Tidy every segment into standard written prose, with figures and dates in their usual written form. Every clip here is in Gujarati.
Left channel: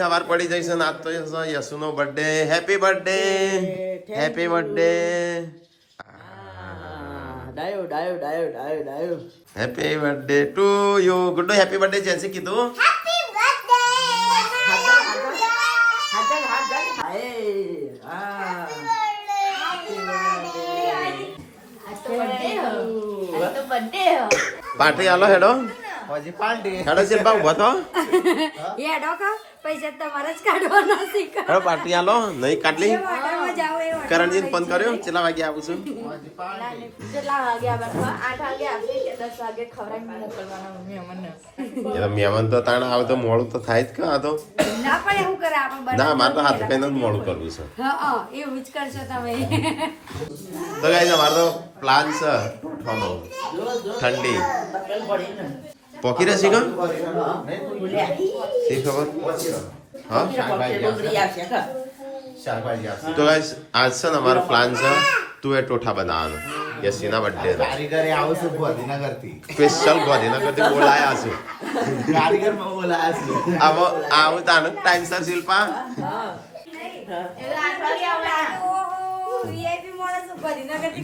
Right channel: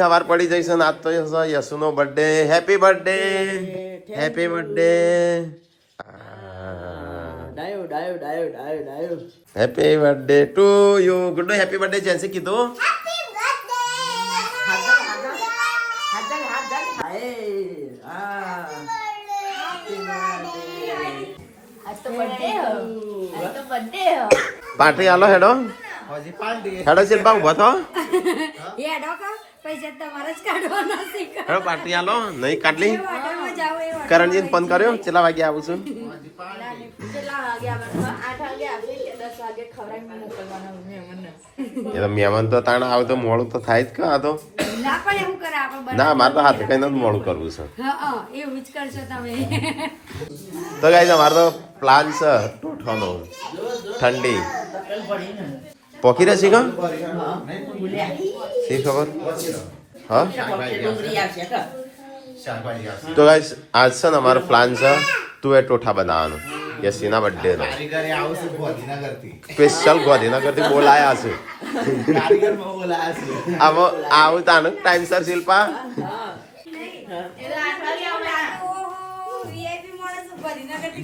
સવાર પડી જઈશું આજ તો યશુનો birthday. Happy birthday, happy birthday. ડાયો ડાયો ડાયો ડાયો ડાયો. Happy birthday to you. Guddu happy birthday જેન્સી કીધું. Happy birthday. હાથ પાર્ટી આલો હેડો. હજી પાર્ટી હેડો શિલ્પા ઉભો થો. હેડો કા પૈસા તમારે જ કાઢવાના છે. હેડો પાર્ટી આલો. નહીં કાઢલી. હોટલમાં જાવ એ કરણજીને ફોન કર્યો. કેટલા વાગે આવું છું? કેટલા વાગે આવવાનું? 8 વાગે આવશે કે 10 વાગે ખવડાવીને મોકલવાના મહેમાનને. એટલે મહેમાન તો તાણ આવે તો મોડું તો થાય જ કે આ તો. ના પણ એવું કરે આપણે ના મારે તો હાથ કઈ નથી મોડું કરવું છે. હા એવું જ કરશો તમે. તો ગાઈસ અમારો તો પ્લાન છે ટોઠવાનો. ઠંડી પોકી રહેશે કા શી ખબર. હા તો ગાઈસ આજ છે ને અમારો પ્લાન છે તું એ ટોઠા બનાવવાનો યશીના બર્થડે નો. કારીગરે આવું છું ગાંધીનગરથી. સ્પેશિયલ ગાંધીનગરથી બોલાયા છે. કારીગરમાં બોલાયા છે. આવું તાનું ટાઈમસર શિલ્પા.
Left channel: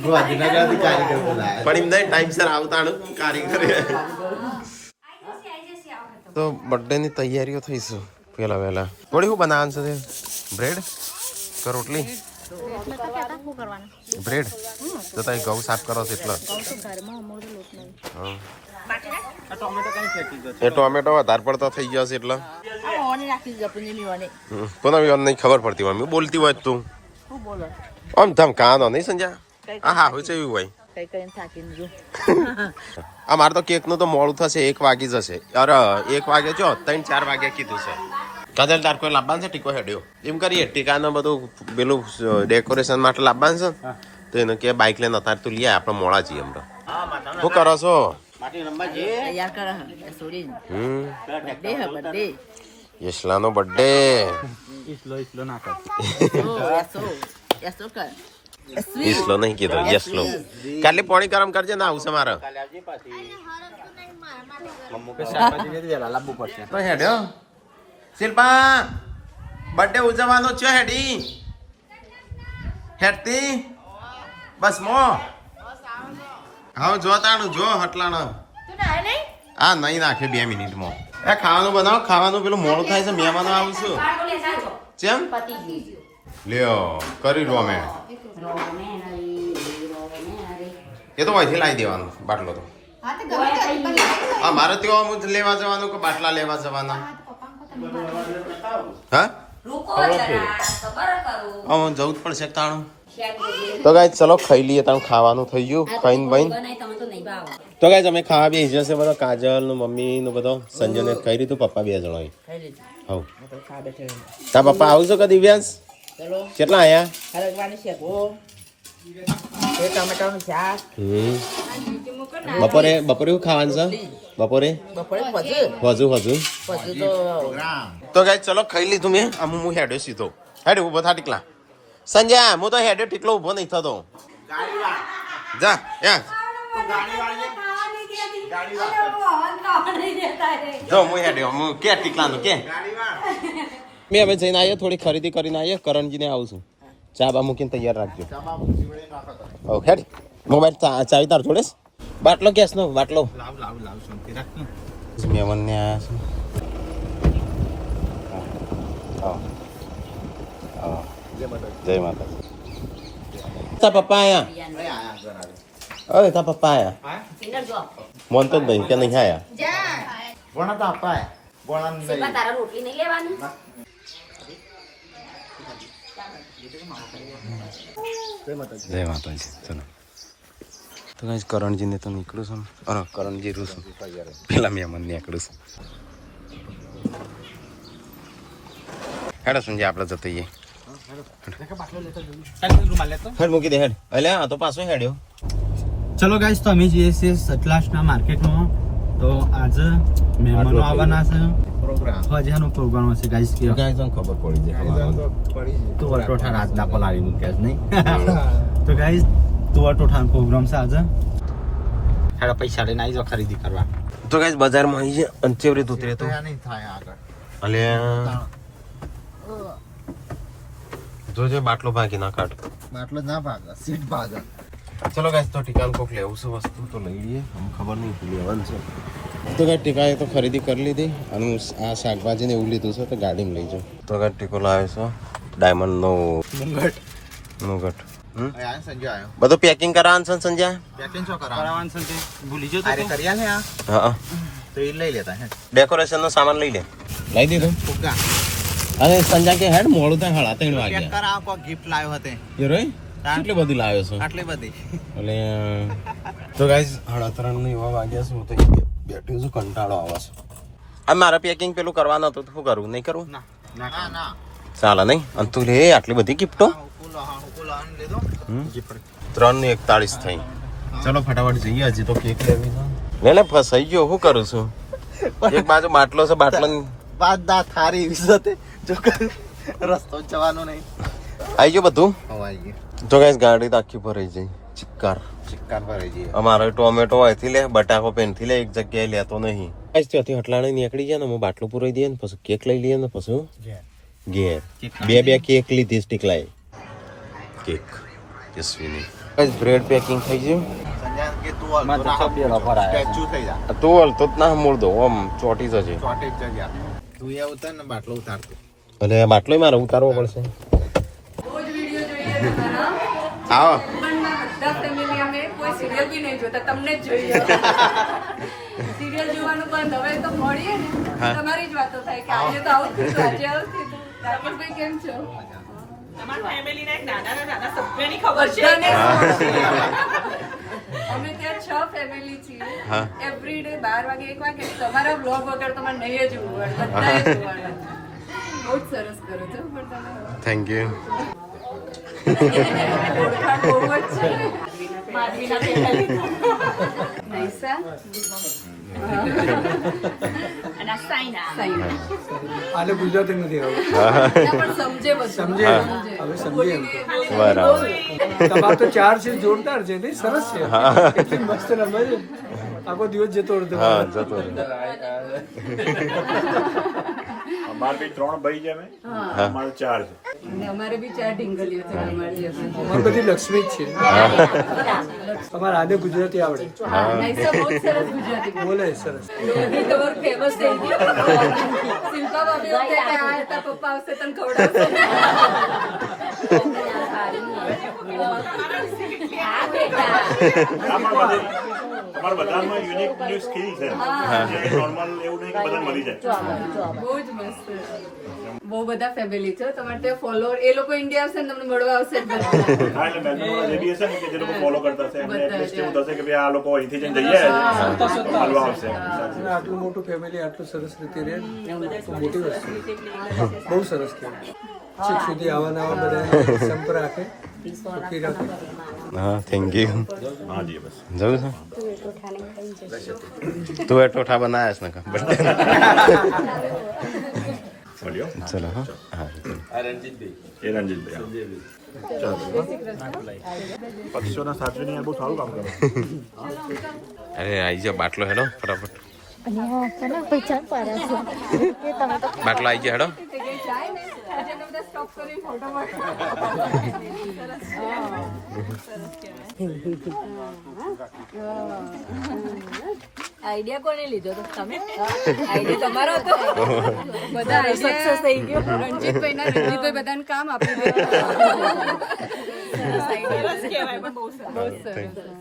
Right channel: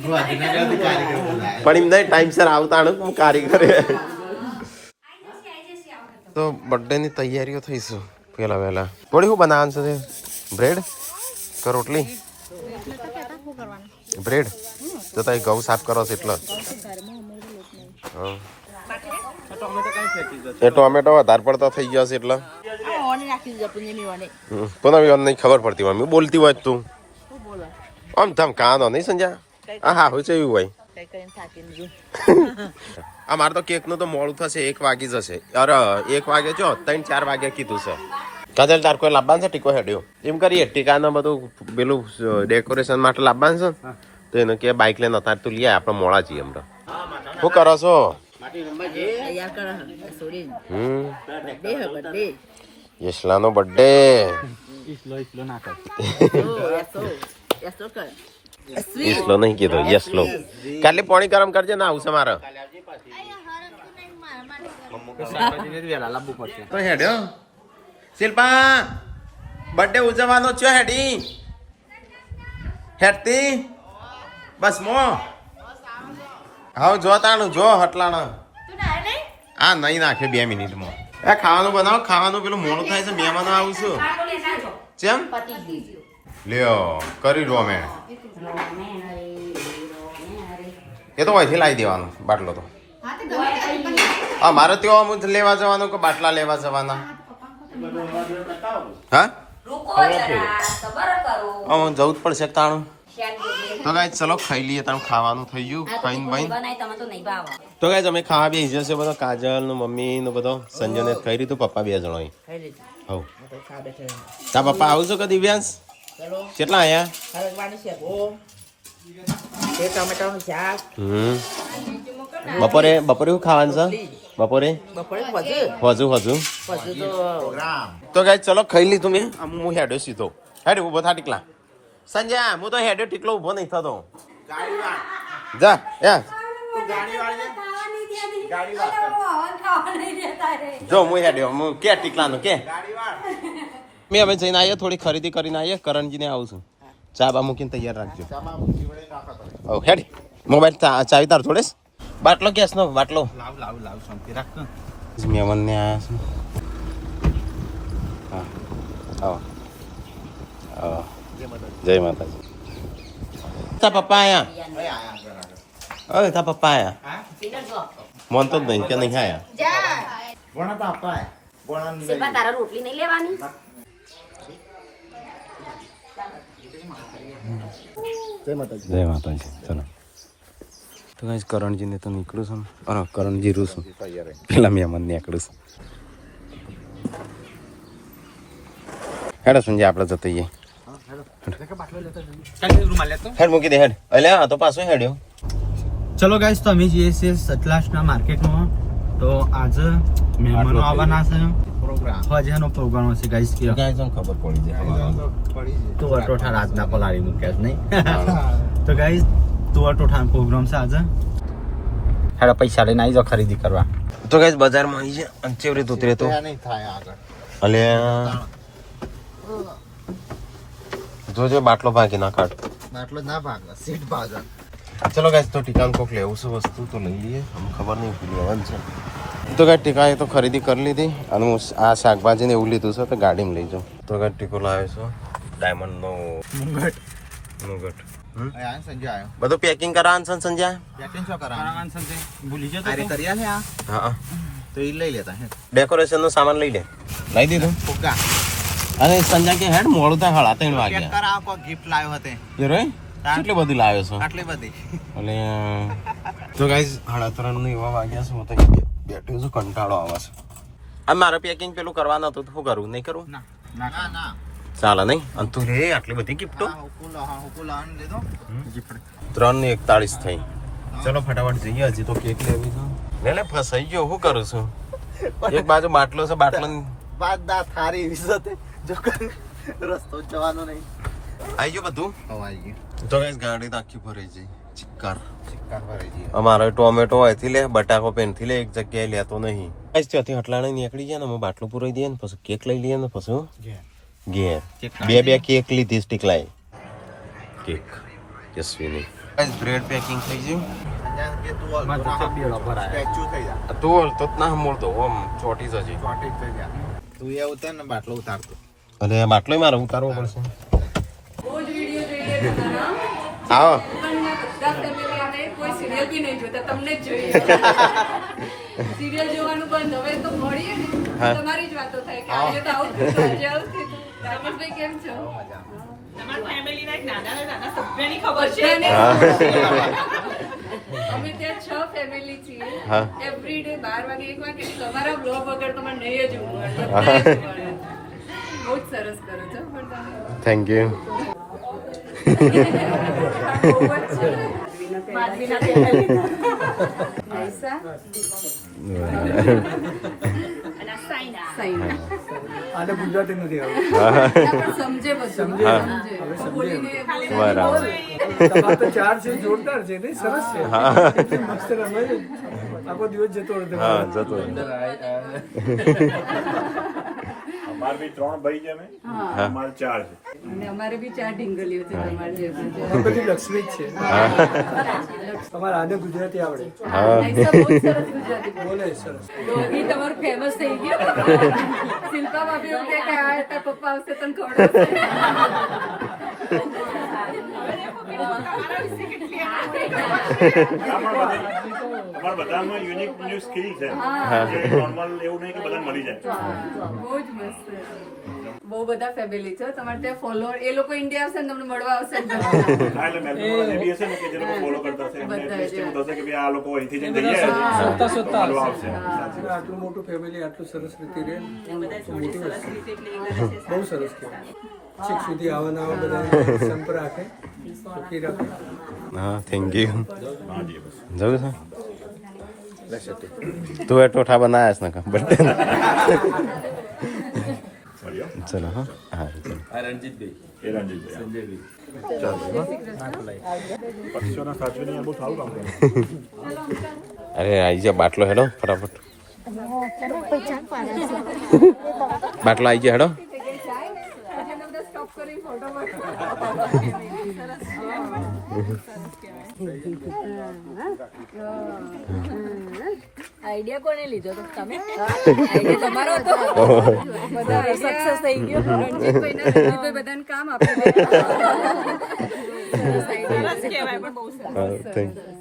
ગાંધીનગરથી કારીગર બોલાયા. પણ એમ નહીં ટાઈમસર આવતા કારીગર. તો બર્થડે ની તૈયારીઓ થઈ છે પેલા વહેલા. થોડી શું બનાવવાનું છે? બ્રેડ કે રોટલી? બ્રેડ તો તમે ઘઉં સાફ કરો છો એટલે એ ટોમેટો વધારે પડતો થઈ ગયો છે એટલે પણ નહીં ખબર પડતી મમ્મી બોલતી હોય તું આમ ધમ કાનો નહીં સંજા. હા હોય છે એવું હોય. આ મારે તો કેક નું તો મોડું થશે 1 વાગી જશે. અરે 1 વાગે જો 3-4 વાગે કીધું છે. કાજલ તાર કોઈ લાવવાનું છે ટીકો હેડ્યો એમ કરીએ ટીકાનું બધું પેલું ડેકોરેશન માટે લાવવાનું છે તો એને કે બાઇક લઈને અત્યારે તું લઈ આપણે મોડા છીએ હમણાં. શું કરો છો? યશલાનો બર્થડે. ઈસલો નહીં કીધો યશલો. કાલે પાણી ગરમ કરજે ના આવશે મારે તો હેડ્યો. શિલ્પા બર્થડે ઉજવવાનો છે હેડી હેડતી બસ મો હા જો તાણું જો હટલાણ. હા નહીં નાખે 2 મિનિટમાં. એ ખાવાનું બનાવો ખાવાનું પેલું મોડું થાય છે મહેમાનો આવું છું. કેમ લ્યો કરી દો અમે. એ તો અહીંથી લાવી દેવાનું બાટલો તો. હા મારે ત્યાં લેવા જવાનું કે બાટલા લેવા જવાના? હા જવું જ પડશે તાણું. તો ગાઈસ ચલો ખાઈ લઈએ તાણું ખાવાનું થઈ ગયું ખાઈને બહીને. તો ગાઈસ અમે ખાવા બે જશે બધા કાજલ નું મમ્મી નું બધો સંજય ને ખાઈ લીધું પપ્પા 2 જણો હવ તા પપ્પા આવું છો કે દિવ્યાંશ? કેટલા આયા? બપોરે શું ખાવાનું છે? બપોરે હજુ તો ગાઈસ ચલો ખાઈ લીધું મેં. હું હેડ્યો સીધો. હેડ ઉભો થા ટીકલા. સંજય હું તો હેડ્યો ટીકલો ઉભો નહીં થતો. જા જો હું હેડ્યો હું કે ટીકલાનું કે મેં હવે જઈને આવીએ થોડી ખરીદી કરીને આવીએ. કરણજીને આવું છું. ચા બા મૂકીને તૈયાર રાખજો. હવ હેડ મોબાઈલ ચાવી તાર જોડે બાટલો ગેસ નો બાટલો લાવ શાંતિ રાખ. મહેમાનને આયા છે. જય માતા. તા પપ્પા આયા? અરે તા પપ્પા આયા? મોન તો નહીં કે નહીં આયા? બોણા તો આપાય બોણા તારા રોટલી નહીં લેવાની. જય માતાજી. ચલો તો ગાઈસ કરણજીને તો નીકળું છું. અરે કરણજી રૂ છું પેલા મહેમાન નીકળું છું. હેડો સંજય આપણે જતા જઈએ. હેડ મૂકી દે હેડ. અલ્યા તો પાછો હેડ્યો. ચલો ગાઈસ તો અમે જઈએ છીએ સતલાસના માર્કેટમાં. તો આજે મહેમાનો આવવાના છે. હજાનો પ્રોગ્રામ હશે ગાઈસ કે ગાઈસ તમને ખબર પડી જાય તો ટોઠા રાતના પલાળી મૂક્યા છે નહીં. તો ગાઈસ તો ટોઠાનો પ્રોગ્રામ છે આજે. હેડો પૈસા લઈને આવી જાઓ ખરીદી કરવા. તો ગાઈસ બજારમાં આવી છે અને ચેવરી ઉતરે તો નહીં થાય આગળ. અલ્યા જોજે બાટલો ભાગી ના કાઢ. આટલો જ ના ભાગ સીટ ભાગ. ચલો ગાઈસ તો ટીકાનું કોક લેવું છે વસ્તુ તો લઈ લઈએ. અમને ખબર નહીં કે લેવાનું છે. તો ગાઈસ ટીકાએ તો ખરીદી કરી લીધી અને હું આ શાકભાજી ને એવું લીધું છે તો ગાડીમાં લઈ જાઉં. તો ગાઈસ ટીકો લાવે છે ડાયમંડ નો મુગટ. સંજય આવ્યો. બધું પેકિંગ કરાવવાનું છે સંજય. પેકિંગ શું કરાવવાનું છે ભૂલી જતો. અરે કર્યા છે આ હા તો એ લઈ લેતા હે. ડેકોરેશન નો સામાન લઈ લે. લઈ દીધું. ફુગ્ગા. અરે સંજય કે હેડ મોડું થાય હળા 3 પેક વાગ્યા. કરાવ કો ગિફ્ટ લાવ્યો હતે. એ રોય કેટલી બધી લાવ્યો છો. આટલી બધી. એટલે તો ગાઈસ 3:30 ની એવા વાગ્યા છે. હું તો બેઠું છું કંટાળો આવે છે. આ મારે પેકિંગ પેલું કરવાનું હતું તો શું કરવું નહીં કરવું. ના ના ચાલે નહીં. અને તું લે આટલી બધી ગિફ્ટો. 3:41 થઈ. ચલો ફટાફટ જઈએ. હજી તો કેક લેવી છે. લે ફસાઈ ગયો. શું કરું છું. એક બાજુ બાટલો છે. બાટલો બાદ દા થારી વિઝતે જો રસ્તો જવાનો નહીં. આવી ગયો બધું. આવી ગયું. તો ગાઈસ ગાડી તો આખી ભરાઈ જાય. ચિક્કાર ભરાઈ ગઈ. અમારે ટોમેટો અહીંથી લે, બટાકો પેનથી લે, એક જગ્યાએ લેતો નહીં. ત્યાંથી હટલાણે નીકળી જાય ને અમે બાટલું પૂરાઈ દઈએ ને પછી કેક લઈ લઈએ ને પછી ઘેર બે કેક લીધી સ્ટીકલાઈ કેક યશવીની. બ્રેડ પેકિંગ થઈ ગયું. તું હલતો જ ના મૂળ દો આમ ચોટી જશે. તું એ ઉતાર ને બાટલો ઉતારતો. અને બાટલો મારે ઉતારવો પડશે. આવો બધા ફેમિલી અમે કોઈ સિરિયલ બી નહીં જોતા, તમને જ જોઈએ. સિરિયલ જોવાનું બંધ. હવે તો મળીએ ને તમારી જ વાતો થાય કે આજે તો આવું થયું, આજે આવું થયું. રાકેશભાઈ કેમ છો? અમે ત્યાં 6 ફેમિલી છીએ. એવરી ડે 12 વાગે 1 વાગે તમારા બ્લોગ વગર તમારે નહીં જ ઉભવાનું. બહુ જ સરસ કરો છો પણ તમે. Thank you. ચાર છે જોરદાર છે ને, સરસ છે. મસ્ત રમે છે. આખો દિવસ જતો રહેતો. હા જતો અમારે બી 3 ભાઈ છે અમે. અમારે 4 છે. અને અમારે બી 4 ઢીંગલીઓ છે. અમારે જે બધી લક્ષ્મી જ છે. તમારે આને ગુજરાતી આવડે. બોલે સરસ. રોહી તમારું ફેમસ થઈ ગયું. શિલ્પા ભાભી એવું કહે કે આ હતા પપ્પા આવશે તને ખવડાવશે. અમારા બધામાં યુનિક સ્કિલ છે. નોર્મલ એવું નહીં કે બધાને મળી જાય. બહુ જ મસ્ત. બહુ બધા ફેમિલી છે તમારે ત્યાં ફોલોઅર. એ લોકો ઇન્ડિયા આવશે ને તમને મળવા આવશે. હા એટલે મેલબોર્નમાં જે બી હશે ને કે જે લોકો ફોલો કરતા હશે એમને એટલીસ્ટ એવું થશે કે ભાઈ આ લોકો અહીંથી જઈને જઈ આવ્યા છે. મળવા આવશે. આટલું મોટું ફેમિલી આટલું સરસ રીતે રહે તો મોટી વસ્તુ. બહુ સરસ કહેવાય. છેક સુધી આવવાના બધા સંપ રાખે, સુખી રાખે. હા થેન્ક યુ. જવું છે તું એ ટોઠા બનાવ્યા છે ને બર્થડે. ચલો હા હા પક્ષીઓના સાચવીને આ બહુ સારું કામ કરે. અરે આવી ગયા બાટલો હેડો ફટાફટ. બાટલો આવી ગયા હેડો. આઈડિયા કોને લીધો તો તમે? આઈડિયા તમારો હતો. બધા સક્સેસ થઈ ગયો. રણજીતભાઈ બધાને કામ આપે.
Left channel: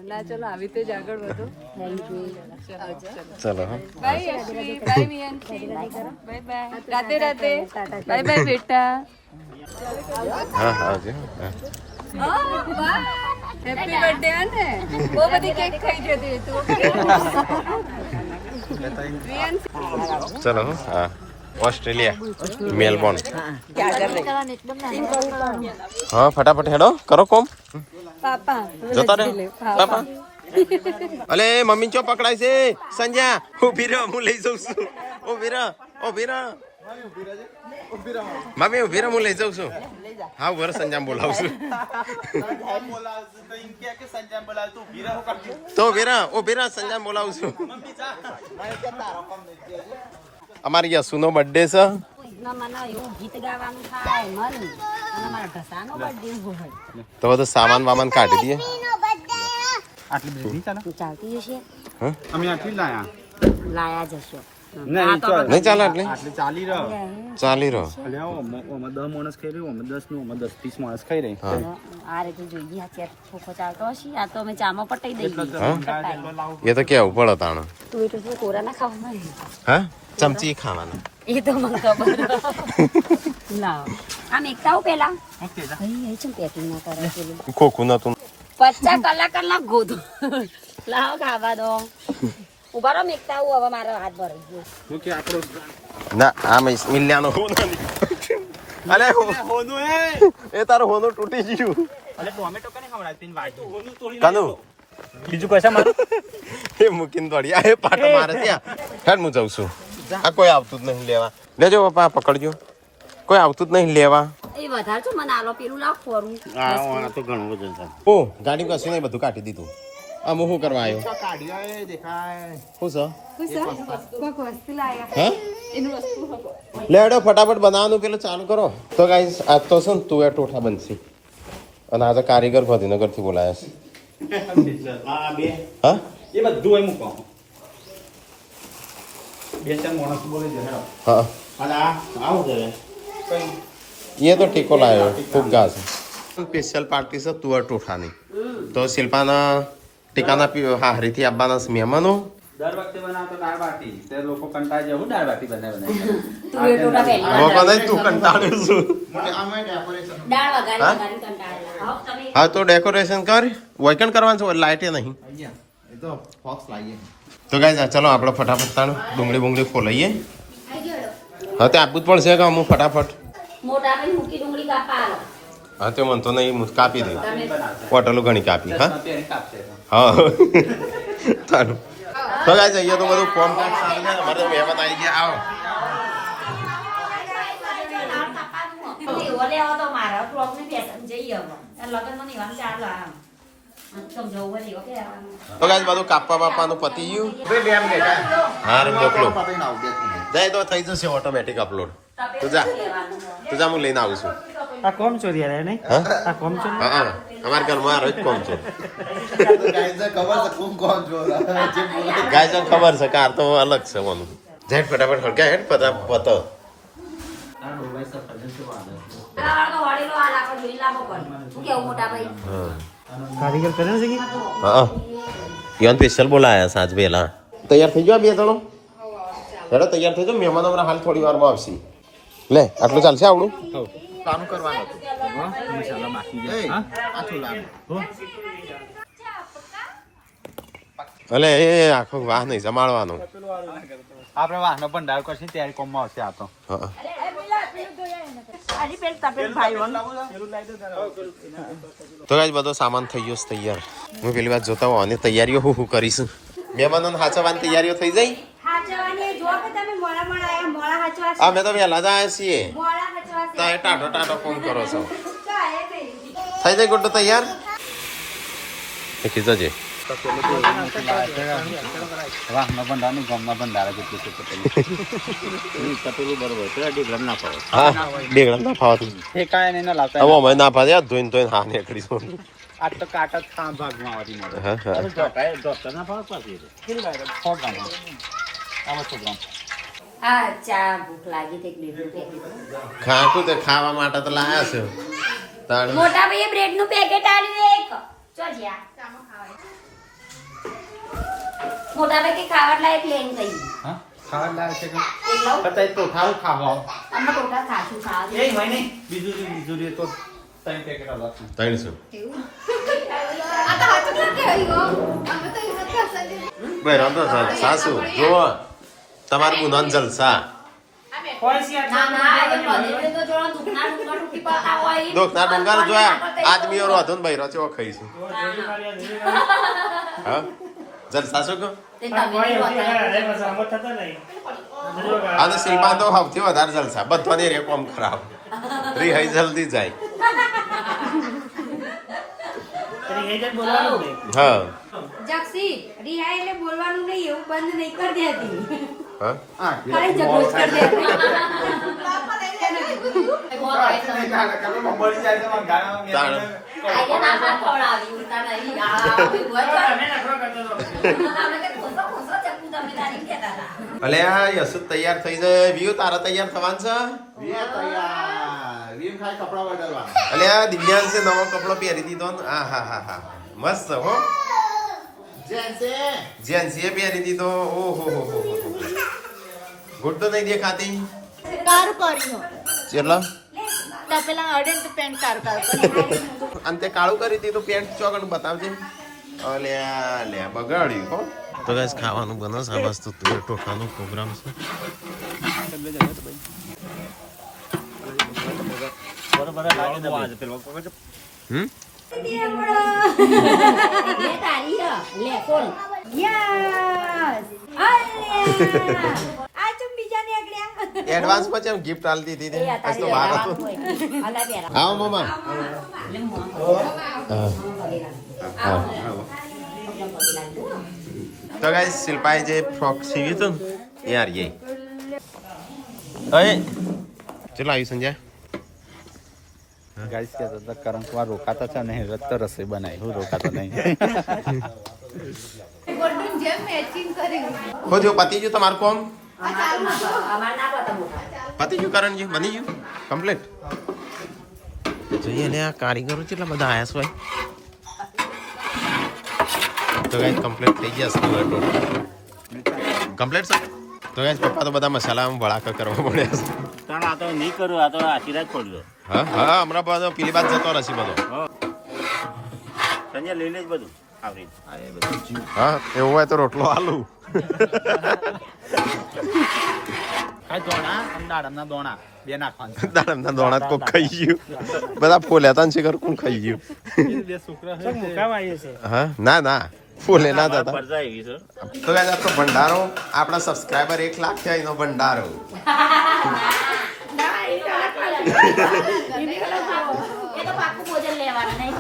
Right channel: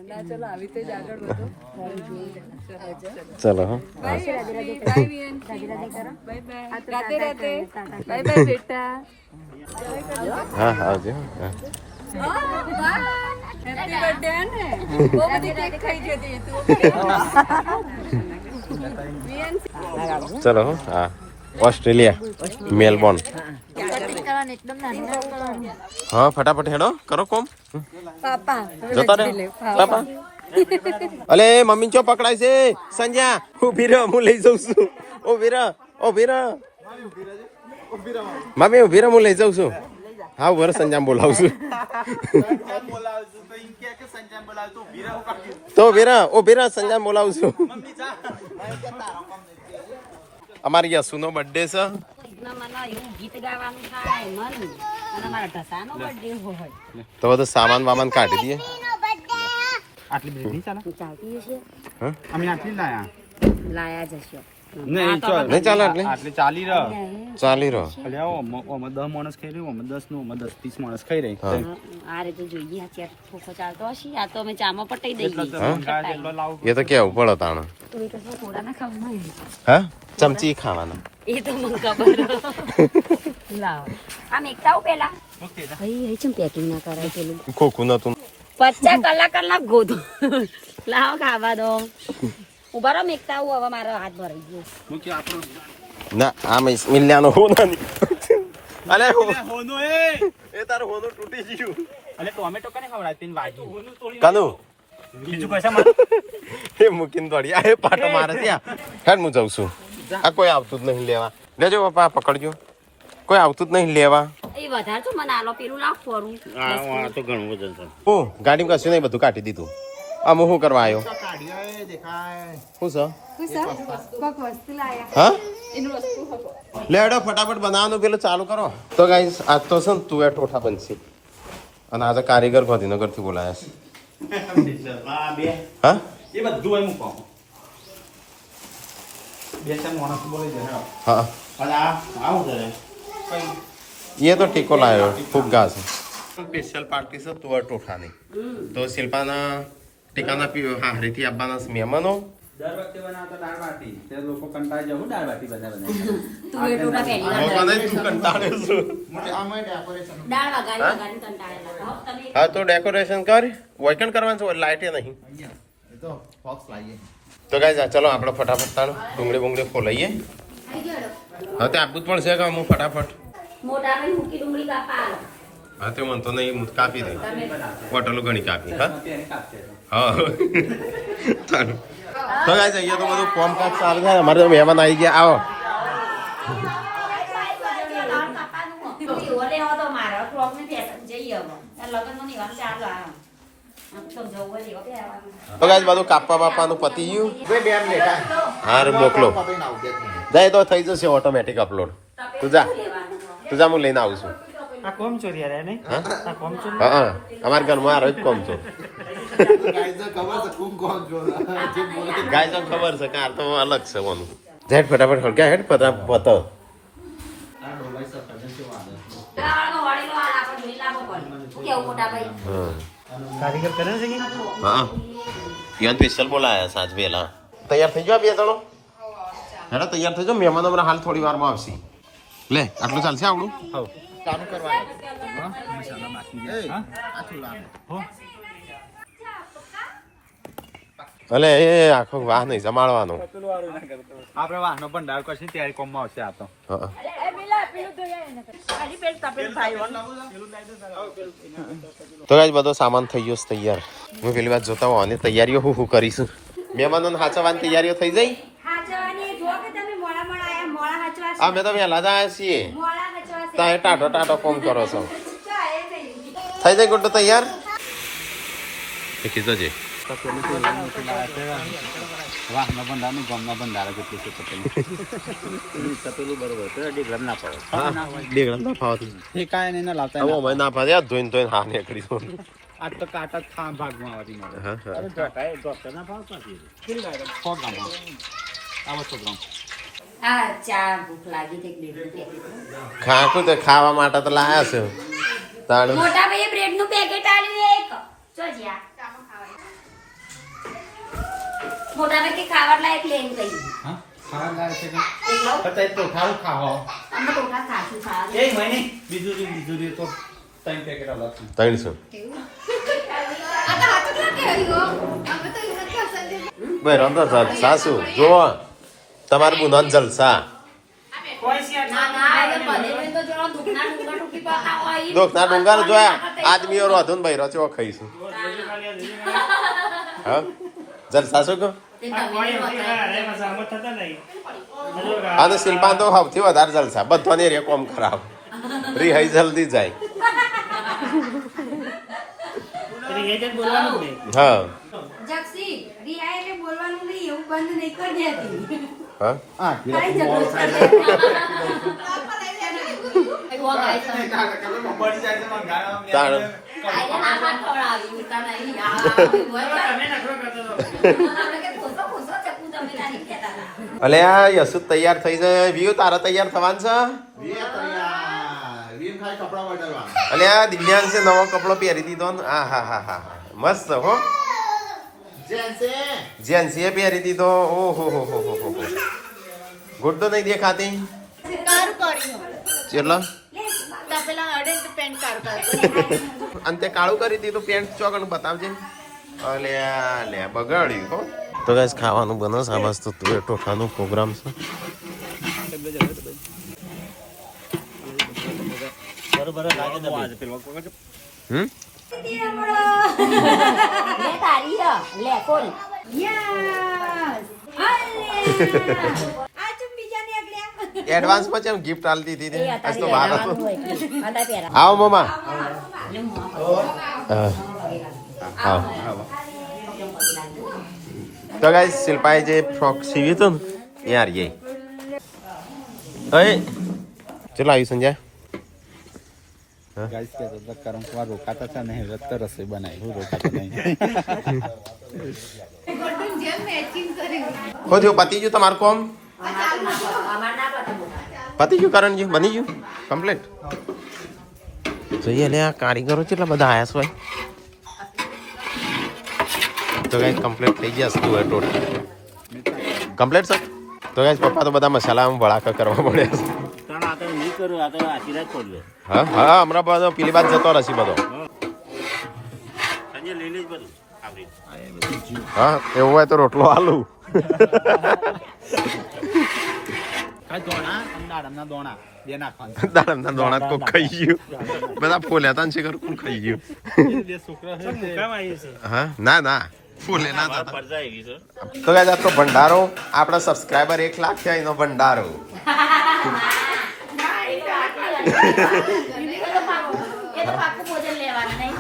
ના ચલો આવી રીતે જ આગળ વધો. ચલો હા બાય બાય મિયન. Bye bye. રાતે રાતે. બાય બાય બેટા. હા આવજો. હા હેપી બર્થડે ને. બહુ બધી કેક ખાઈ જતી તું. ચલો હા ઓસ્ટ્રેલિયા મેલબોર્ન. હા ફટાફટ હેડો કરો કોમ. પાપા જતા રે પાપા. અલે મમ્મી ચો પકડાય છે સંજ્યા. ઉભી રહો હું લઈ જાઉં છું. ઉભી રહો ઉભી રહો મમ્મી ઉભી રહો હું લઈ જાઉં છું. હા વર સંજામ બોલાવું છું. તો ઉભી રહો સંજામ બોલાવું છું. અમારી યશુનો બર્થડે છે ના મને એવું ગીત ગાવાનું થાય મન અને મારા ઢસાનો બર્થડે હોય તો બધું સામાન વામાન કાઢી દઈએ. આટલી બ્રેડ નહીં ચાલે ચાલતી હશે અમે આટલી લાયા લાયા જશો નહીં ચાલે એટલે આટલી ચાલી રહ્યો ચાલી રહ્યો. અલ્યા ઓમાં 10 માણસ ખાઈ રહ્યું ઓમાં 10 નું ઓમાં 10 30 માણસ ખાઈ રહી આ રીતે જોઈએ આ ચેર ખોખો ચાલતો હશે આ તો અમે ચામાં પટાઈ દઈએ એ તો કેવું પડે તાણું. તું તો શું કોરાના ખાવાના હા ચમચી ખાવાના. એ તો મને ખબર લાવ આમ એકતા પેલા ભાઈ ચમ પેકિંગ ના કરે પેલું ખોખું નતું. 50 કલાક ગોધો લાવ ખાવા દો ઉભા રહો મેકતા હું હવે મારો હાથ ભરાઈ ગયો ના આ મિલ્યાનો હોનો નહીં. અરે હોનો એ તારો હોનો તૂટી ગયું. અલે ટોમેટો કને ખવડાય તીન વાગી કાનુ બીજું કશા એ મૂકીને દોડી આ એ પાટો મારે ત્યાં હેડ હું જાઉં છું. આ કોઈ આવતું જ નહીં લેવા. લેજો પપ્પા પકડજો. કોઈ આવતું જ નહીં લેવા. એ વધારે છો મને આલો પેલું લાવ ફોરું આ તો ઘણું વજન છે. ઓ ગાડીમાં કશું નહીં બધું કાઢી દીધું. આમ હું કરવા આવ્યો કાઢ્યા દેખાય શું છે વસ્તુ લાયો હા એનું વસ્તુ લેડો ફટાફટ બનાવવાનું પેલું ચાલુ કરો. તો guys, આજ તો છે ને તું એ ઠોઠા બનશે અને આજે કારીગર ગાંધીનગરથી બોલાયા છે. આ બે હા એ બધું હોય મૂકો બે ચાર માણસ બોલે છે હા અને આ આવું છે એ તો ટીકો લાવ્યો ફુગ્ગા છે. સ્પેશિયલ પાર્ટી છે તુવેર ઠોઠાની. તો શિલ્પાના ટીકાના હારીથી આવવાના છે મહેમાનો. દર વખતે બનાવતો દાળ બાટી તે લોકો કંટાળી જાય હું દાળ બાટી બનાવે તું એ ટોટા પહેલી વાર બાપા તું કંટાળ્યો છું. દાળ વગાડી કંટાળેલા હા તમે હા તો ડેકોરેશન કર વોઇકન કરવાનું છે લાઇટે નહીં. તો ગાઈઝ ચલો આપણે ફટાફટ તાણ ડુંગળી બુંગળી ફોલાઈએ. હા તે આપવું જ પડશે કે અમુક ફટાફટ. મોટા ભાઈ મૂકી ડુંગળી કાપા આલો હા તે મને તો નહીં હું કાપી દઉં. તમે બોટલો ઘણી કાપી હા પેરી કાપશે હા તારું. તો ગાઈઝ અહીંયા તો બધું કોમ કામ સારું છે. અમારે તો મહેમાન આવી ગયા આવો. ઓલે આવો તો મારા ક્લોક ને પેટર્ન જઈએ હવે લગન મને ઈવાન ચાલો આમ સમજાવું હોય એવો કે તો ગાઈઝ બધું કાપવા બાપાનું પતી ગયું. હા રે મોકલો જાય તો થઈ જશે ઓટોમેટિક અપલોડ. તું જા હું લઈને આવું છું. આ કોમ ચોરી આયા નહીં હા આ કોમ ચોરી હા અમારા ઘરમાં આ રોજ કોમ છો. ગાય ખબર છે કાર તો અલગ છે ઓનું. ઝેડ ફટાફટ હળગા હેડ ફટાફટ પતો. વળેલો આ લાકડ જોઈ લાવો પણ શું કેવું મોટા ભાઈ હા કારીગર કરે છે કે હા યન સ્પેશિયલ બોલાયા સાજ વેલા. તૈયાર થઈ ગયો બે ચલો હેડો તૈયાર થઈ જાઓ. મહેમાનો હમણાં હાલ થોડી વારમાં આવશે. લે આટલું ચાલશે આવડું કામ કરવાનું મસાલા બાકી છે હા આ થોડા અલે એ આખો વાહ નહીં જમાડવાનો. આપણે વાહનો પણ ડાળ કરશે ત્યારે કોમમાં આવશે આ તો હા તો ગાઈસ બધો સામાન થઈ ગયો છે તૈયાર. હું પેલી વાત જોતા હોવાની તૈયારીઓ હું કરીશું. મહેમાનોને હાચવવાની તૈયારીઓ થઈ જાય. અમે તો વહેલા જ આવ્યા છીએ. તારે ટાટો ટાટો કોમ કરો છો. થઈ જાય ગુડ્ડો તૈયાર. કીધો છે વાહનો ભંડાર નું ગામના ભંડાર કેટલું છે હા બેગડા ના ફાવતું. એ કાંઈ નહીં ના લાવતા હવે અમે ના ફાવે ધોઈને ધોઈને હા નીકળીશું. આ તો કાંટા જ ભાગમાં આવતી મળે હા હા ડોક્ટર ના ભાવ પાછી 100 ગ્રામ આમાં 100 ગ્રામ હા ચા ભૂખ લાગી તે બ્રેડ ખાતું તે ખાવા માટે તો લાયા છે તાણ. મોટા ભાઈ બ્રેડ નું પેકેટ આલ્યું એક ચો જ્યા મોટા ભાઈ કે ખાવા લાયક લઈને ગઈ હા ખાવા લાવે છે કે એકલો પતાઈ તો ખાવ ખાવા અમે ટોકા ખાશું ખાવા એ મને બીજું તો 3 પેકેટ અલગ છે 300 આ તો હાથ જ કહ્યું અમે તો હિંમત કરશે ભાઈ રંધો સાસુ જુઓ તમારું બુનન જલસા. ના ના એ મને તો જોડો દુખના ડુંગા ટુકી પડતા હોય દોખના ડુંગર જોયા આદમી ઓરો હતો ને ભાઈ રચો ખાઈશું. હા જલસા શું કહો. અને શિલ્પા તો સૌથી વધારે જલસા બધાને રે કોમ ખરાબ રિહાઈ જલ્દી જાય. હા જક્ષી રિહાઈ એટલે બોલવાનું નહીં એવું બંધ નહીં કરી દેતી હા ખાલી જગ્યા જ કરી દે. બોલ ગાય તમે. તાણ આઈને ના ખવડાવી, ઉલટા નહીં. આ બોલ આપણે કે ખોસો ખોસો ચકુ તમે તારી કહેતા હતા. અલે આ યશુ તૈયાર થઈ જાય વ્યુ તારા તૈયાર થવાનું છે અલે આ દિવ્યાંશે નવો કપડો પહેરી દીધો ને આ હા હા હા મસ્ત હો જેન્સી એ પહેરી દીધો ઓહો હો હો હો ગુડ તો નહીં દેખાતી કારું કર્યું ચેલા ત્યાં પેલા અડે તો પેન્ટ કારું કર્યું અંતે કાળું કરી દીધું પેન્ટ ચોકન બતાવજે અલે લે બગાડ્યું હો તો ગાઈસ ખાવાનું બનસ આ વસ્તુ ટોઠાનો પ્રોગ્રામ છે હમ લે તારી હ. લે કોણ? યસ. આ ચુમ બીજા ને આગળ્યા એડવાન્સ માં કેમ ગિફ્ટ આલી દીધી એ આજ તો વાર હતો આતા પહેલા. આવો મમ્મા તો ગાઈસ શિલ્પાએ જે ફ્રોક સીવી હતું ને એ હારી ચલો આવી સંજય ગાઈસ કે તો કરમ કુમાર રોકાતા છે નહીં રત્ત રસોઈ બનાવી હું રોકાતો નહીં ગોલ્ડન જેમ મેચિંગ કર્યું ખોજો પતિ ગયું તમારું કોમ અમાર ના પતે. પતિ ગયું કરણજી બની ગયું કમ્પ્લીટ જોઈએ ને આ કારીગરો કેટલા બધા આયા છે ભાઈ તો ગાઈસ કમ્પ્લીટ થઈ ગયા છે ટોટલ કમ્પ્લીટ છે તો ગાઈસ પપ્પા તો બધા મસાલા વળાકા કરવા પડ્યા છે પણ આ તો નહીં કરું આ તો આશીર્વાદ પડ્યો હા હા હમણાં બધો પેલી બાદ જતો રહેશે બધો સંજય લઈ લેજ બધું આવરી હા એવું હોય તો રોટલો આલુ આ દોણા દાડમના દોણા બે નાખવાના દાડમના દોણા તો ખાઈ ગયું બધા ફોલ્યા તા ને શિખર કોણ ખાઈ ગયું બે છોકરા છે કામ આવ્યું છે હા ના ના ફોલે ના થતા પરજા આવી છે તો ગાઈસ આ તો ભંડારો આપણા સબસ્ક્રાઇબર 1 લાખ છે એનો ભંડારો એ તો પાકું ભોજન લેવાનું નહીં.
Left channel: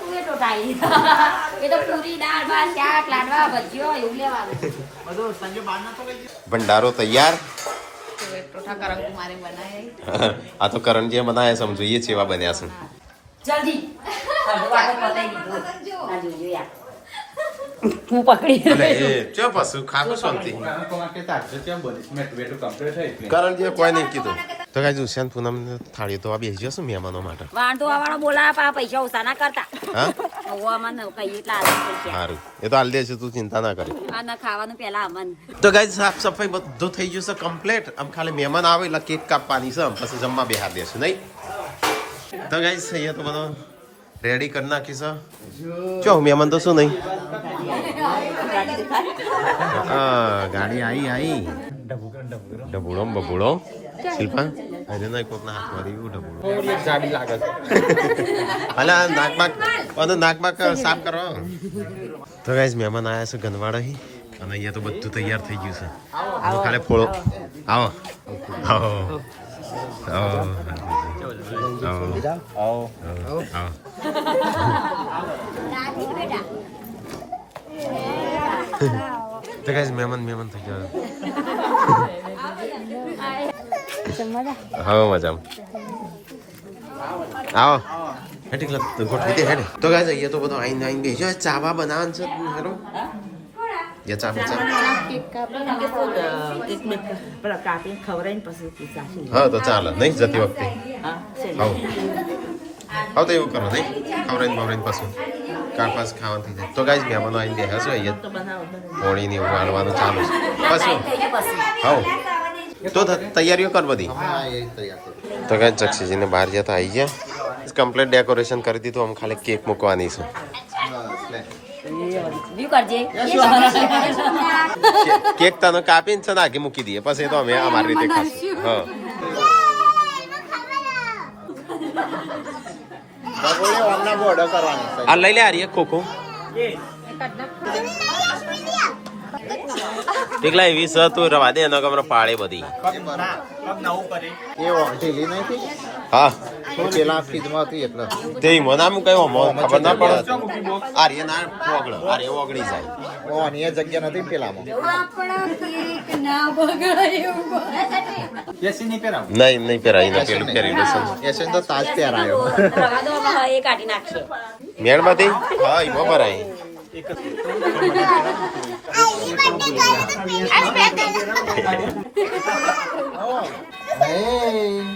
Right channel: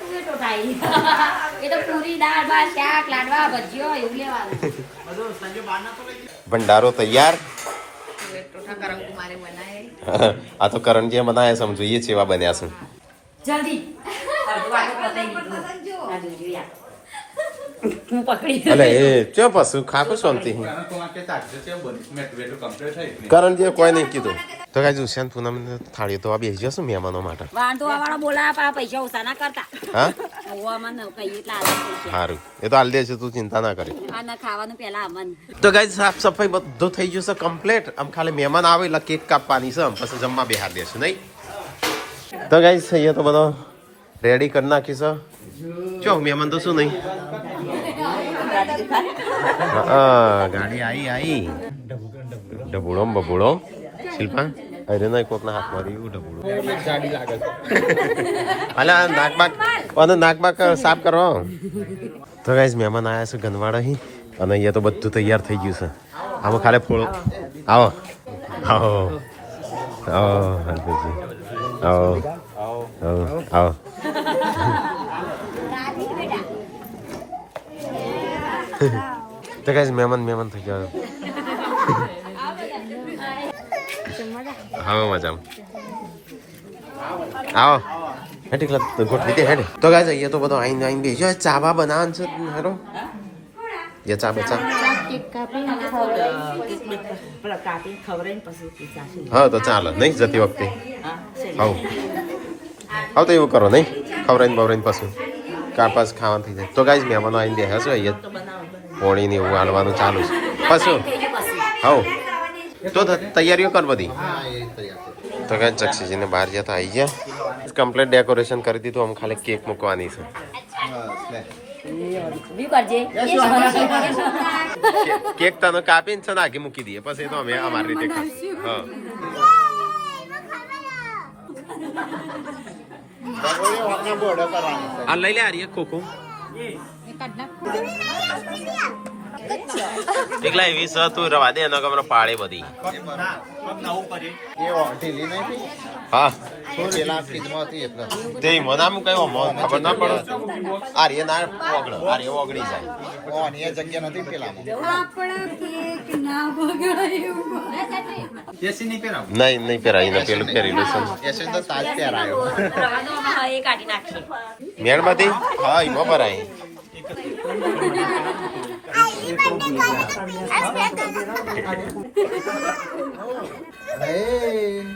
તું એ ટોટાઈ. એ તો પૂરી દાળ ભાત શાક લાડવા ભજીયો એવું લેવાનું. ભંડારો તૈયાર આ તો કરણજીએ બનાયા સમજો એ ચેવા બન્યા છે જલ્દી. અડધો વાગો પતાઈ દીધું. આ જોજો યાર. હું પકડી. અલે એ ચો પશુ ખાકો શાંતિ કે તાજે કેમ બની મેં વેટો કમ્પ્લીટ થઈ કરણજીએ કોઈ નહીં કીધું તો ગાઈસ ઉષાન પૂનમ થાળી તો આ બેસી જશે મહેમાનો માટે વાંધો વાળો બોલાવા પૈસા ઓછા ના કરતા. હા મને કહીએ એટલે આલવા પૈસા. સારું એ તો હાલ દેશે તું ચિંતા ના કરે આ ના ખાવાનું પેલા આવવાનું. તો ગાઈસ સાફ સફાઈ બધું થઈ ગયું છે કમ્પ્લીટ આમ ખાલી મહેમાન આવે એટલે કેક કાપવાની છે પછી જમવા બેહાર દેશું નહીં તો ગાઈસ અહીંયા તો બધો રેડી કરી નાખી છે ચો મહેમાન તો શું નહીં હા ગાડી આવી ડબુડો બબુડો શિલ્પા અરે ના કોકના હાથ મારી ડબુડો ગાડી લાગે છે અલા નાકબાક સાફ કરો તો ગાઈસ મહેમાન આવ્યા છે ગનવાડા અહીં અને અહીંયા તો બધું તૈયાર થઈ ગયું છે આમાં ખાલી ફોળો આવો આવો આવો આવો આવો આવો તો ગાઈસ મહેમાન થઈ ગયા હા મજામાં આવો હેઠી ગોઠવી દે હેડે તો ગાઈસ અહીંયા તો બધો આઈને બેસી ચાવા બનાવવાનું છે હેરો ये चा बचा हाँ तो चाल नहीं जती वक्त हाँ हाँ तो એવું કરો નહીં ખવરાઈને બવરાઈને પછી કાપાસ ખાવાનું થઈ જાય તો ગાઈસ મહેમાનો આવીને બેહ્યા છે અહીંયા પોણી ને એવું હાલવાનું ચાલુ છે પછી હા તો તૈયારીઓ કર બધી તો ગાઈસ ચક્ષીજીને બહાર જતા આવી ગયા કમ્પ્લીટ ડેકોરેશન કરી દીધું આમ ખાલી કેક મૂકવાની છે કેક તને કાપીને છે નાખી મૂકી દઈએ પછી તો અમે અમારી રીતે ખાશું હા આ લઈ લે આરી ખોખો એકલા એવી સ તું રવા દે એનો ગમનો પાડે બધી હા તે ઈમો નામ કયો ખબર ના પડે આર્ય ના ઓગળ આર્ય ઓગળી જાય એસી નહીં પહેરાવું. નહીં પહેરાય ને પેલું પહેરેલું છે એ કાઢી નાખશે મેણમાંથી હા ઈમો ભરાય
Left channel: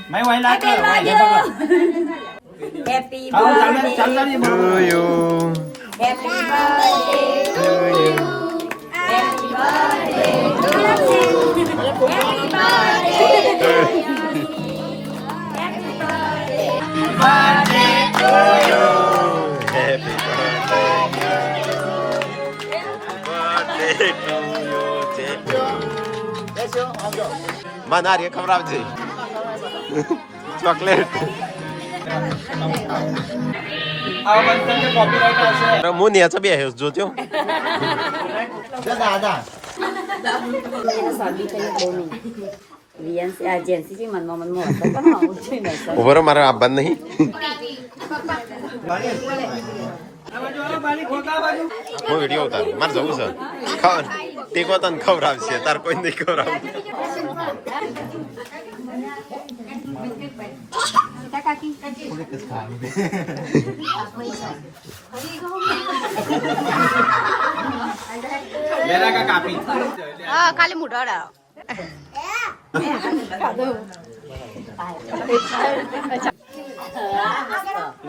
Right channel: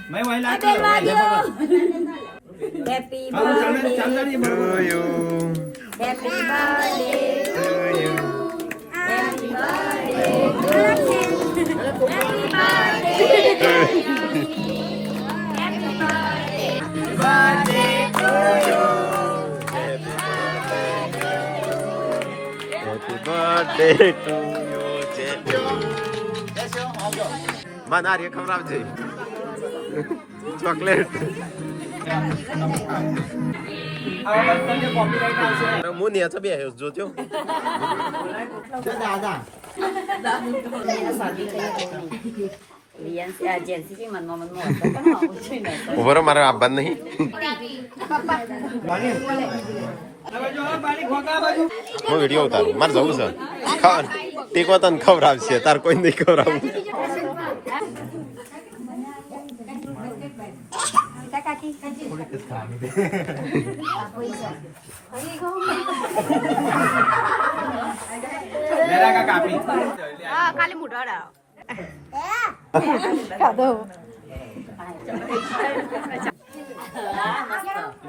મેં વહી લાગે હેપી ચાલ મને આર્ય ખવડાવજે ચોકલેટ હું નેચો બે જોજો દાદા ઉભરો મારે આપવા નહીં હું વિડીયો ઉતારું મારે જવું છે ટીકો તને ખવડાવશે તાર કોઈ નહીં ખવડાવું કાપી હા ખાલી મુઢાડા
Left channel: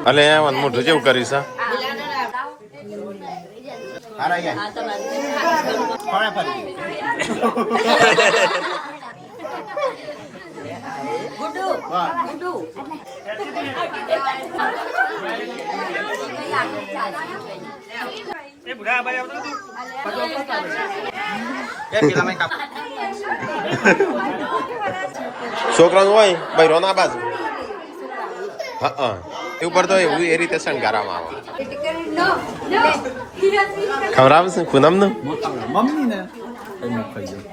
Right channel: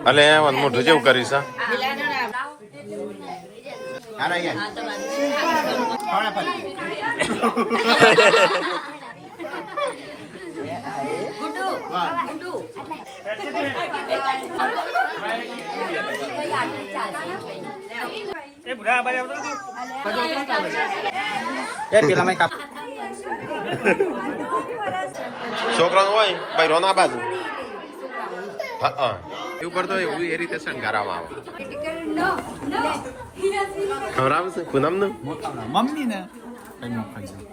અલે મન મોઢું જેવું કરીશ હા છોકરાનું હોય બૈરો ના બાજુ હા એ ઉપર તો એવું એ રીતે શણગારવામાં આવે ખવડાવશે પૂનમ ને મમ્મી ને ખાઈ જાઉં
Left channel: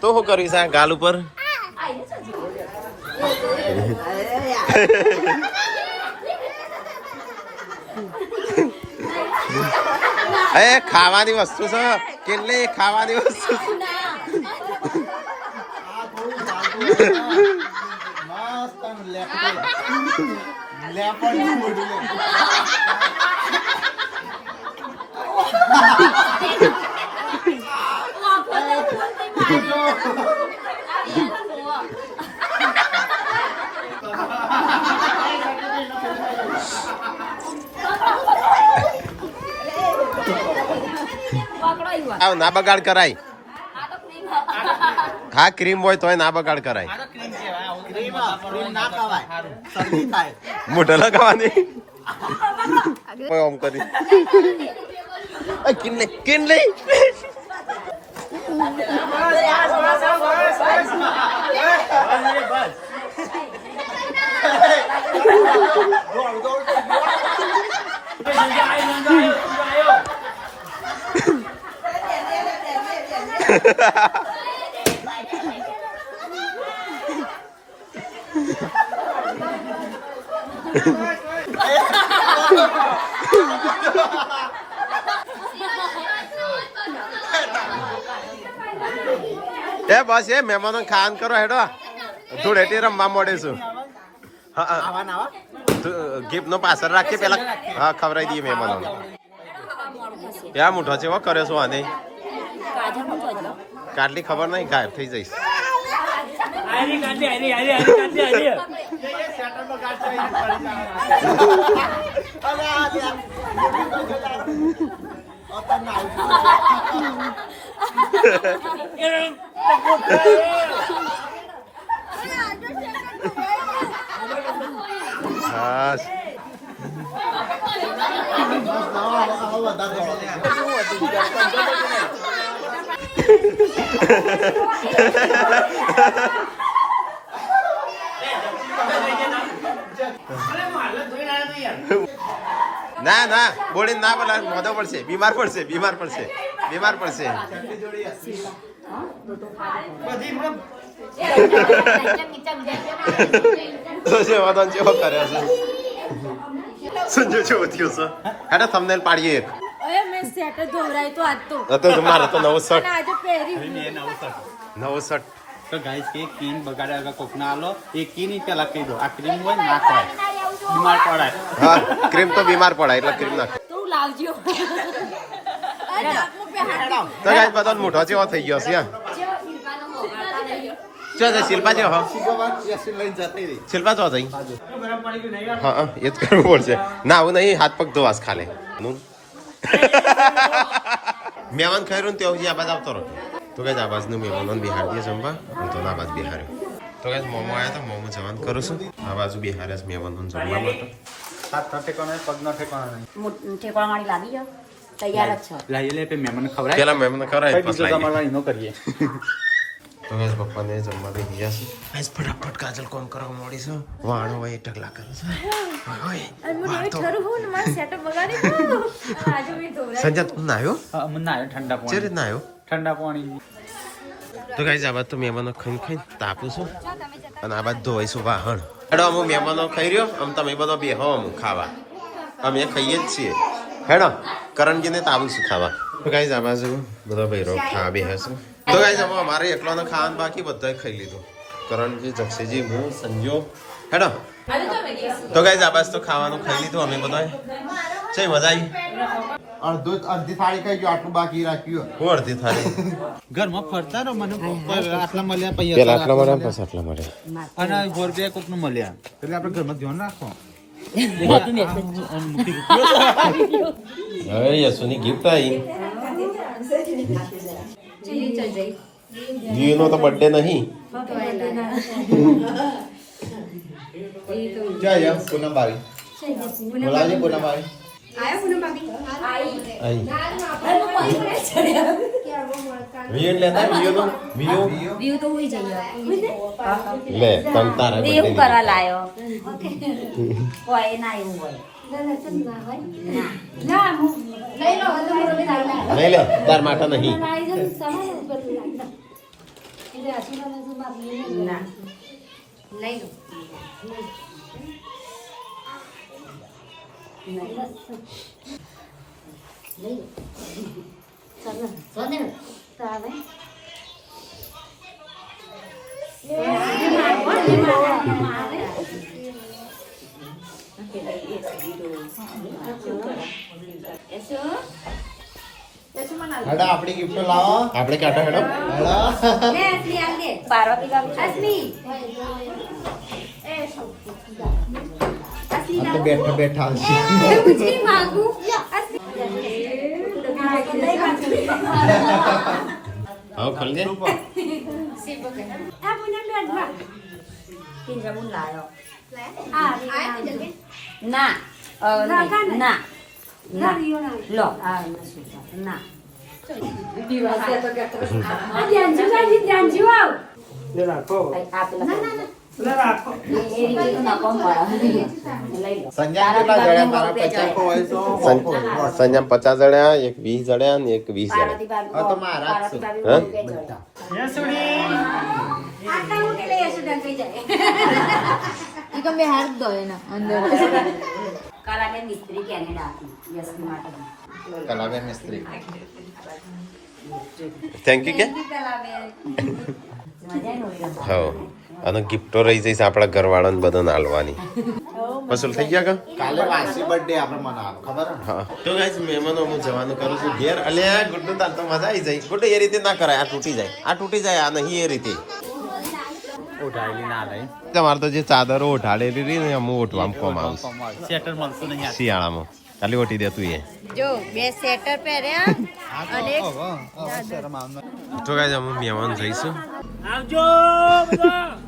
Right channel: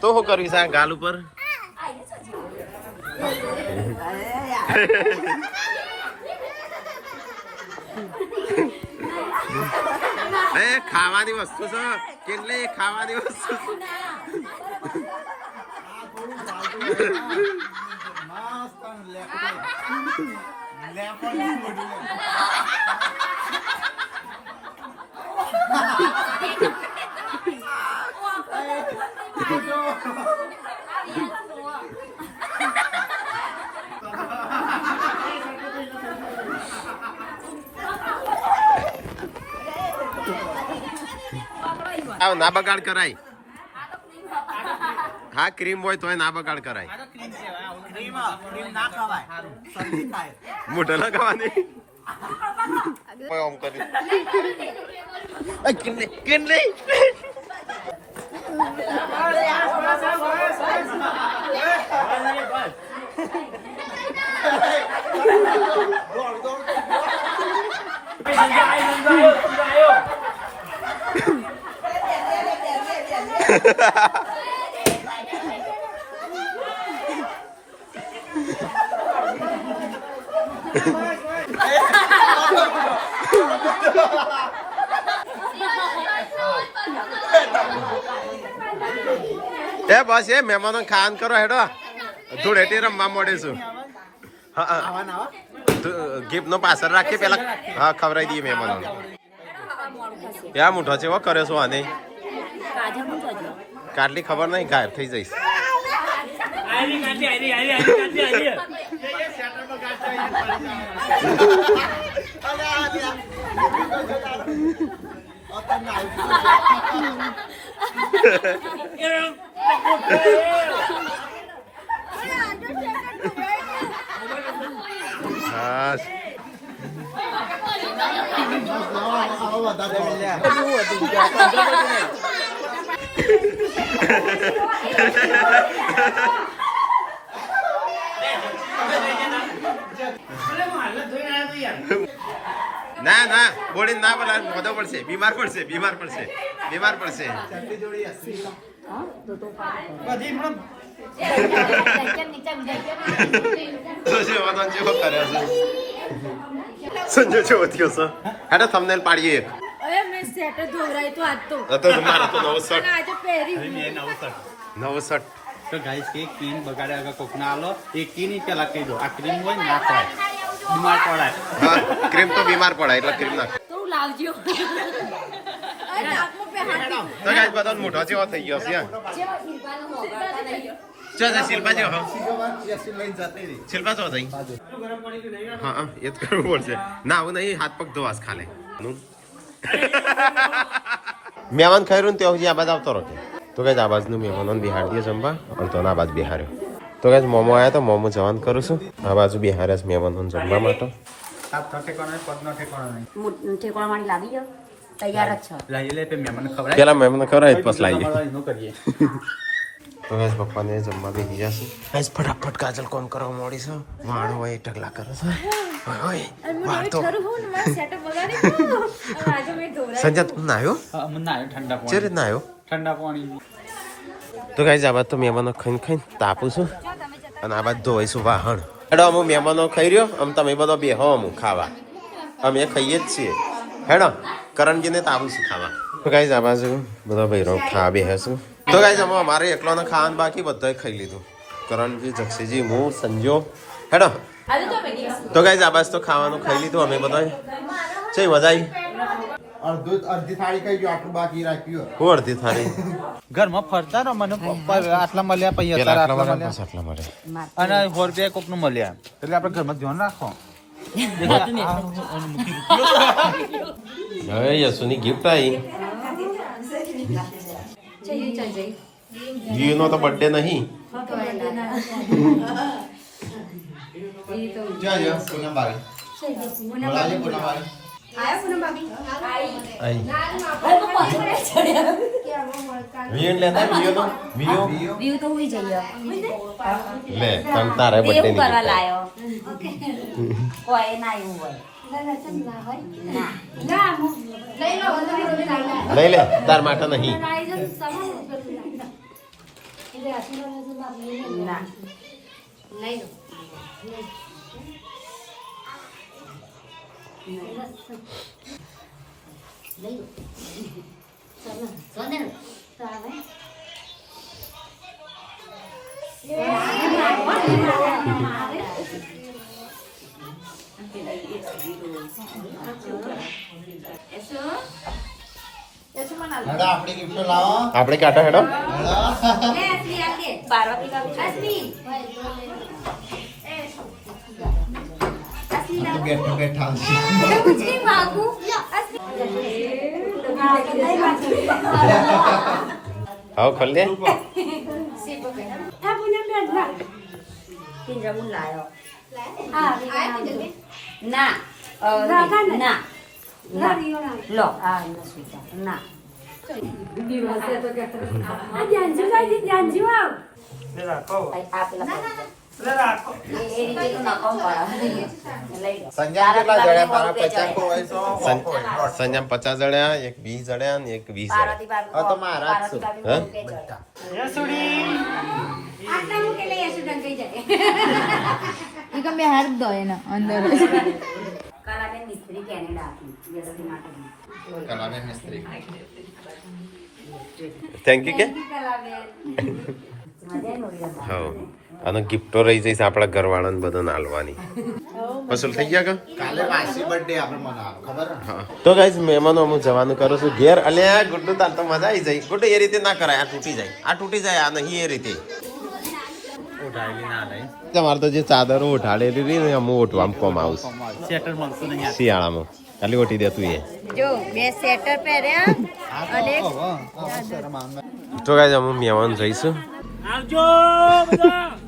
તો શું કરીશ આ ગાલ ઉપર એ ખાવાની વસ્તુ છે કેટલી ખાવાની વસ્તુ ના બગાડ કરાય હા ક્રીમ હોય તોય ના બગાડ કરાય મોઢા લગાવવાની આમ કરી કેટલી એ બસ એ મહેમાનો ખાન કરો હેડો ધૂળેટી રમવા મળે છું ગિફ્ટ નો પાછળ રાખીએ પેલા હા ખવડાવી દઈએ મહેમાનો ક્યાં મોટો છે એવો કરે છો આને કાટલી ખબર નહીં ગાયબ થઈ જઈશ હા ના ના બોલી ના બોલા મોઢો પડશે બીમાર પડશે તો છે વાદો જેવો કર્યો છે સંજય જેવો થયો છે હેડો થંબનેલ પાડીએ એક અરે મેં સેટ ધોરાય તો આજ તો તો મારે તો નવો શર્ટ આજે પહેરી નવો શર્ટ તો ગાઈસ કે કીન બગાડ્યા વગર કોક ના આલો એ કીન ની પેલા કહી દો આ ક્રીમ હોય ને ના ખવાય બીમાર પડાય હા ક્રીમ તો બીમાર પડાય એટલે ક્રીમ નાખ તો લાવજો અરે નાકમાં પે હાથ તો ગાઈસ બધો મોઢો જેવો થઈ ગયો છે ચાલ શિલ્પા જો હા શિલ્પા જો જઈ હા એ જ કરવું પડશે ના આવું નહીં હાથ પગ ધોવાસ ખાલે મહેમાન ખાયું ને ત્યાં આ બાજુ આવતો રહો તો કઈ આ બાજુનું મહેમાનોને બિહાર દે જમવા અને તો ના બાજુ બિહાર્યો તો કઈ મોમો આવ્યા તો મોમો જવાન કરું છું આ બાજુ બિહાર્યા છે મહેમાનોને જમવા માટે ઠેકવાવાળી લાવી જાઓ તૈયાર જ છો લઈ લે પે મહેમાન ખવડાય પેલા મહેમાન ખવડાય પછી લાવી તમારા નો કરીએ તો ગેસ પપ્પાને જમવા બેસી જશે ગેસ ફટાફટ કાજલ કોમ કરવા મોડી છે વાણો હોય ટકલા કરે છે ઓય વાર તો સંજય તું ના આવ્યો મને ના આવ્યો ઠંડા જે રીત ના આવ્યો ઠંડા પાણી તો ગાઈસ આ બાદ તો મહેમાનો ખાઈને તાપું છું અને આ બાદ ધોઈશું વાહણ હેડો અમુક મહેમાનો ખાઈ રહ્યો આમ તમે બધો બેહો અમુક ખાવા અમે ખાઈએ જ છીએ હેડો કરણજીને તાપું છું ખાવા તો ગાઈસ આ બાજુ બધા ભાઈરો ખાવા બેહે છું તો ગાઈસ અમે અમારે એકલોને ખાવાનું બાકી બધાએ ખાઈ લીધું કરણજી જક્ષીજી હું સંજો હેડો તો ગાઈસ આ બાજુ તો ખાવાનું ખાઈ લીધું અમે બધાએ છે મજા આવી અડધી થાળી ખાઈ ગયો આટલું બાકી રાખ્યું હું અડધી થાળી ઘરમાં ફરતા ને મને આટલા મળ્યા પછી પેલા આટલા આટલા મળ્યા મળ્યા. પછી આટલા મળ્યા અને ફોર બે કોક નું મળ્યા એટલે આપણે ઘરમાં ધ્યાન રાખો હવે યશુની ગિફ્ટ આવી જીનો તો બર્થડે નહીં વીએન લેતા વ્યૂ તો હોઈ જઈએ લે તમ તારે એવું બર્થડે કરવા લાયો કોઈ ના એવું હોય લઈ લે તાર માટે નહીં ના લઈ લો આપણે કાઢો હેડો પાર્વતી બેઠા હાવ ખલ લે ના ના લો આ ના સંજમ 50 જણ્યા એક 20 જણ્યા ને એક 20 મિસ્ત્રી કેનેડા થેન્ક યુ કે હા અને ગિફ્ટો રહી જઈશ આપણા ઘરવાળાને બધાને આલવાની પસંદ થઈ ગયા કા કાલે વાસી બર્થડે આપણે મનાવો ખબર હા તો ગાઈસ મહેમાનો હું જવાનું કરું છું ઘેર અલ્યા ગુડ્ડુ તાર તો મજા આવી જાય ગુડ્ડુ એ રીતે ના કરાય આ તૂટી જાય આ નહીં એ રીતે ઉઠાવી ના લઈ તમારે તો જે ચાદરો ઉઠાડેલી રહી ને અમુક ઓઠવા કોમ આવશે સેટર મળતું નહીં શિયાળામાં ખાલી ઓટી દે તું એ જો બે સ્વેટર પહેર્યા અને તો ગાઈસ અમે મહેમાન જઈશું આવજો બધા